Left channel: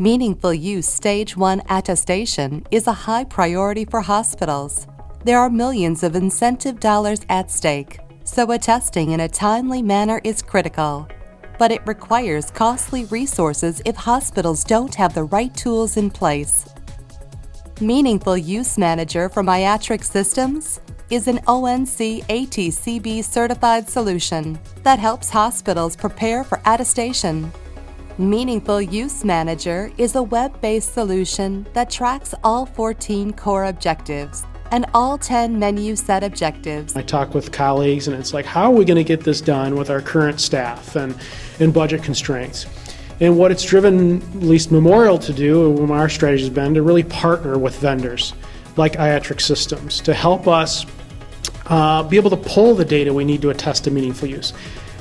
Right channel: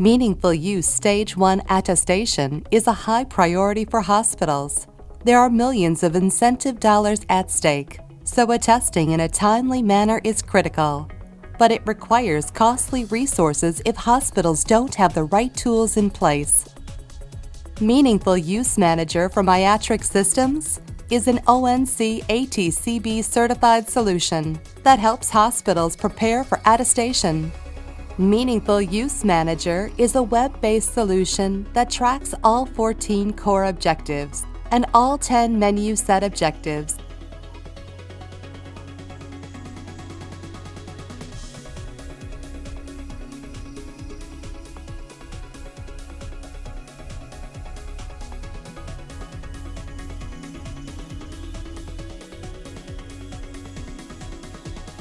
Meaningful Use Stage 1 attestation is a high priority for hospitals. There are millions of incentive dollars at stake, so attesting in a timely manner is critical. But it requires costly resources if hospitals don't have the right tools in place. Meaningful Use Manager from IATRIC Systems is an ONC ATCB certified solution that helps hospitals prepare for attestation. Meaningful Use Manager is a web-based solution that tracks all 14 core objectives and all 10 menu set objectives. I talk with colleagues and it's like, how are we going to get this done with our current staff and budget constraints? And what it's driven, at least Memorial, to do, and our strategy has been to really partner with vendors like IATRIC Systems to help us be able to pull the data we need to attest to meaningful use,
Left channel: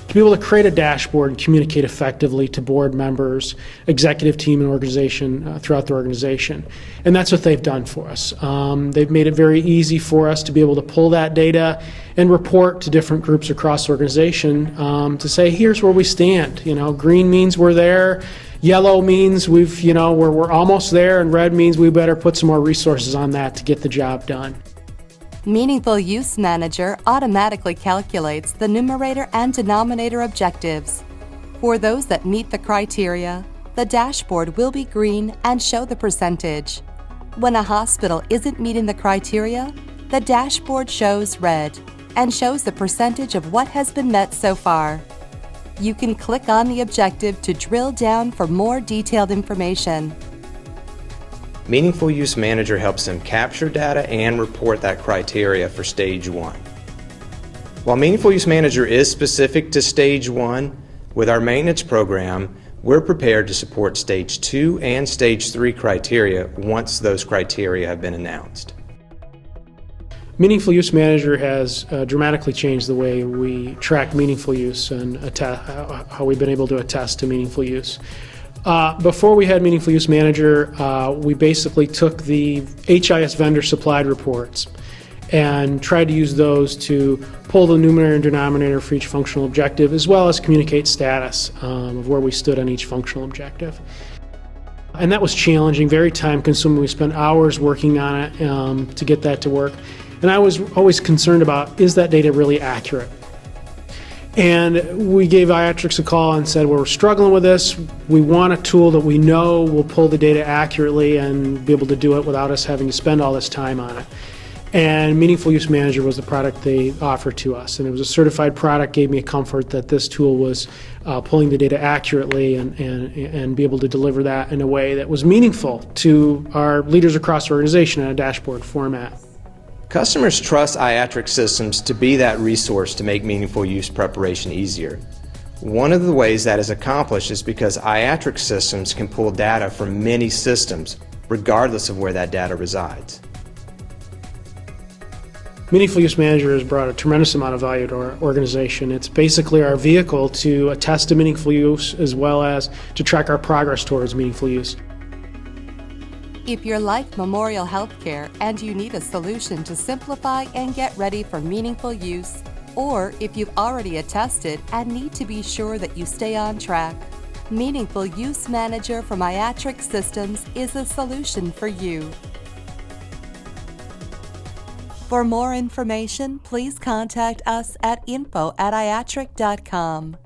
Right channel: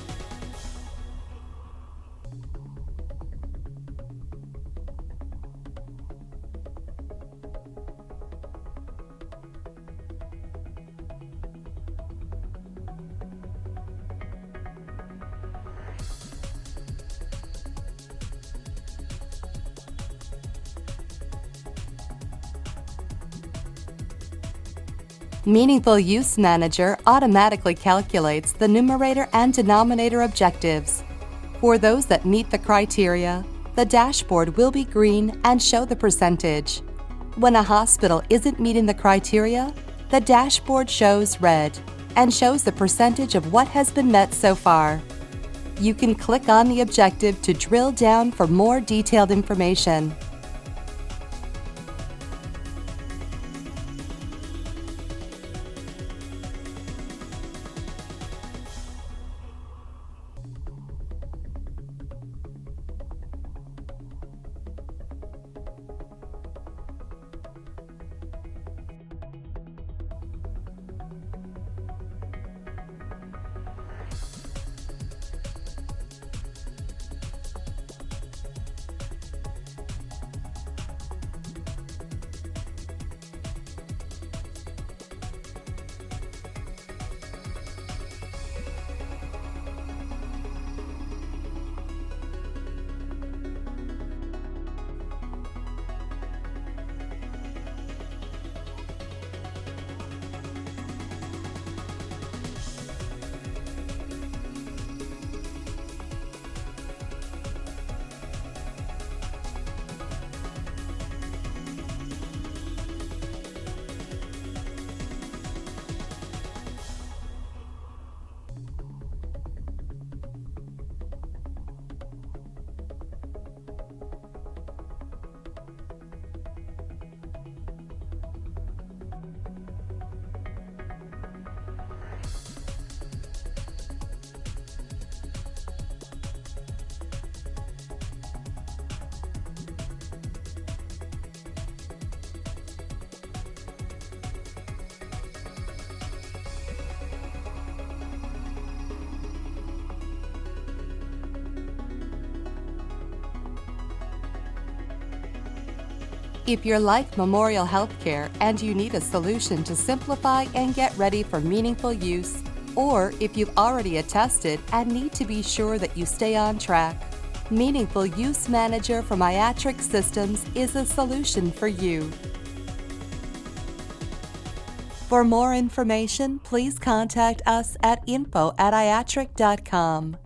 to be able to create a dashboard and communicate effectively to board members, executive team, and organization throughout the organization. And that's what they've done for us. They've made it very easy for us to be able to pull that data and report to different groups across the organization to say, here's where we stand. You know, green means we're there, yellow means we're almost there, and red means we better put some more resources on that to get the job done. Meaningful Use Manager automatically calculates the numerator and denominator objectives. For those that meet the criteria, the dashboard will be green and show the percentage. When a hospital isn't meeting the criteria, the dashboard shows red and shows the percentage of what has been met so far. You can click on the objective to drill down for more detailed information. Meaningful Use Manager helps them capture data and report that criteria for Stage 1. While Meaningful Use Manager is specific to Stage 1, with our maintenance program, we're prepared to support Stage 2 and Stage 3 criteria once those criteria have been announced. Meaningful Use Manager has dramatically changed the way we track meaningful use and how we've been able to attest to meaningful use. Before we had Meaningful Use Manager, we basically took the HIS vendor supplied reports and tried to use those to pull the numerator and denominator for each functional objective, as well as communicate status of where we stood on each functional objective. And that was challenging, very time consuming. We spent hours working on it to get that to work. And I was always concerned about, is that data really accurate? And we gave IATRIC a call and said, well, we're struggling with this. We want a tool that we know will pull the data accurately and be able to do it without us having to spend all this time on it. And Meaningful Use Manager was the product they offered to us. And it was a certified product, gave me a comfort that this tool was pulling the data accurately and be able to deliver that in a way that was meaningful to our leaders across the organization in a dashboard format. Customers trust IATRIC Systems to be that resource to make meaningful use preparation easier. One of the ways that is accomplished is because IATRIC Systems can pull data from many systems, regardless of where that data resides. Meaningful Use Manager has brought a tremendous amount of value to our organization. It's basically our vehicle to attest to meaningful use as well as to track our progress towards meaningful use. If you're like Memorial Healthcare and you need a solution to simplify and get ready for meaningful use, or if you've already attested and need to be sure that you stay on track, Meaningful Use Manager from IATRIC Systems is a solution for you. For more information, please contact us at info@iatric.com.